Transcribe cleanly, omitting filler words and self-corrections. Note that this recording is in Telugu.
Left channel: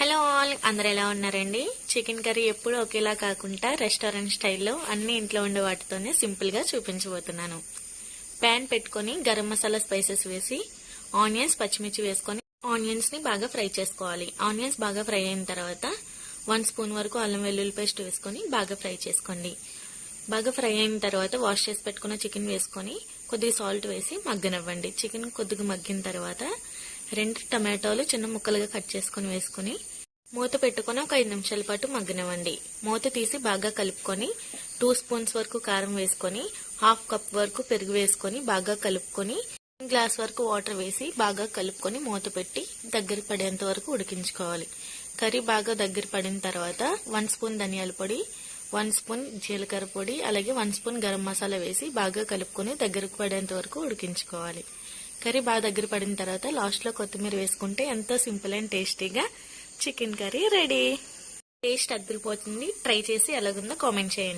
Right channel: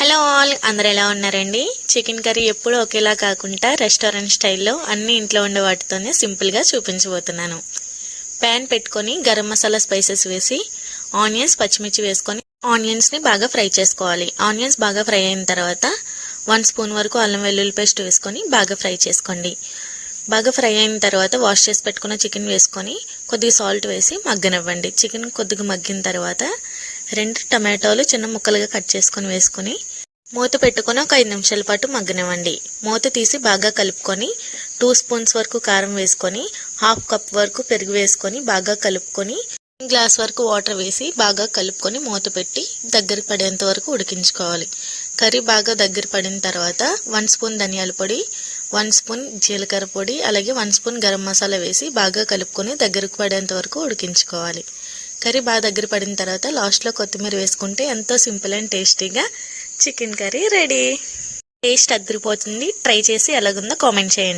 హలో ఆల్, అందరు ఎలా ఉన్నారండి? చికెన్ కర్రీ ఎప్పుడు ఒకేలా కాకుండా రెస్టారెంట్ స్టైల్లో అన్ని ఇంట్లో ఉండే వాటితోనే సింపుల్గా చూపించబోతున్నాను. ప్యాన్ పెట్టుకొని గరం మసాలా స్పైసెస్ వేసి ఆనియన్స్ పచ్చిమిర్చి వేసుకొని ఆనియన్స్ని బాగా ఫ్రై చేసుకోవాలి. ఆనియన్స్ బాగా ఫ్రై అయిన తర్వాత 1 స్పూన్ వరకు అల్లం వెల్లుల్లి పేస్ట్ వేసుకొని బాగా ఫ్రై చేసుకోండి. బాగా ఫ్రై అయిన తర్వాత వాష్ చేసి పెట్టుకున్న చికెన్ వేసుకొని కొద్దిగా సాల్ట్ వేసి మగ్గనివ్వండి. చికెన్ కొద్దిగా మగ్గిన తర్వాత 2 టమాటోలు చిన్న ముక్కలుగా కట్ చేసుకొని వేసుకొని మూత పెట్టుకొని ఒక 5 నిమిషాల పాటు మగ్గనివ్వండి. మూత తీసి బాగా కలుపుకొని 2 స్పూన్స్ వరకు కారం వేసుకొని 1/2 కప్ వరకు పెరుగు వేసుకొని బాగా కలుపుకొని 1 గ్లాస్ వరకు వాటర్ వేసి బాగా కలుపుకొని మూత పెట్టి దగ్గర పడేంత వరకు ఉడికించుకోవాలి. కర్రీ బాగా దగ్గర పడిన తర్వాత 1 స్పూన్ ధనియాల పొడి, 1 స్పూన్ జీలకర్ర పొడి, అలాగే 1 స్పూన్ గరం మసాలా వేసి బాగా కలుపుకొని దగ్గరకు పడేంత వరకు ఉడికించుకోవాలి. కర్రీ బాగా దగ్గర పడిన తర్వాత లాస్ట్లో కొత్తిమీర వేసుకుంటే ఎంతో సింపుల్ అండ్ టేస్టీగా చికెన్ కర్రీ రెడీ. టేస్ట్ అదిరిపోతుంది. ట్రై చేసి ఎలాగుందో కామెంట్ చేయండి.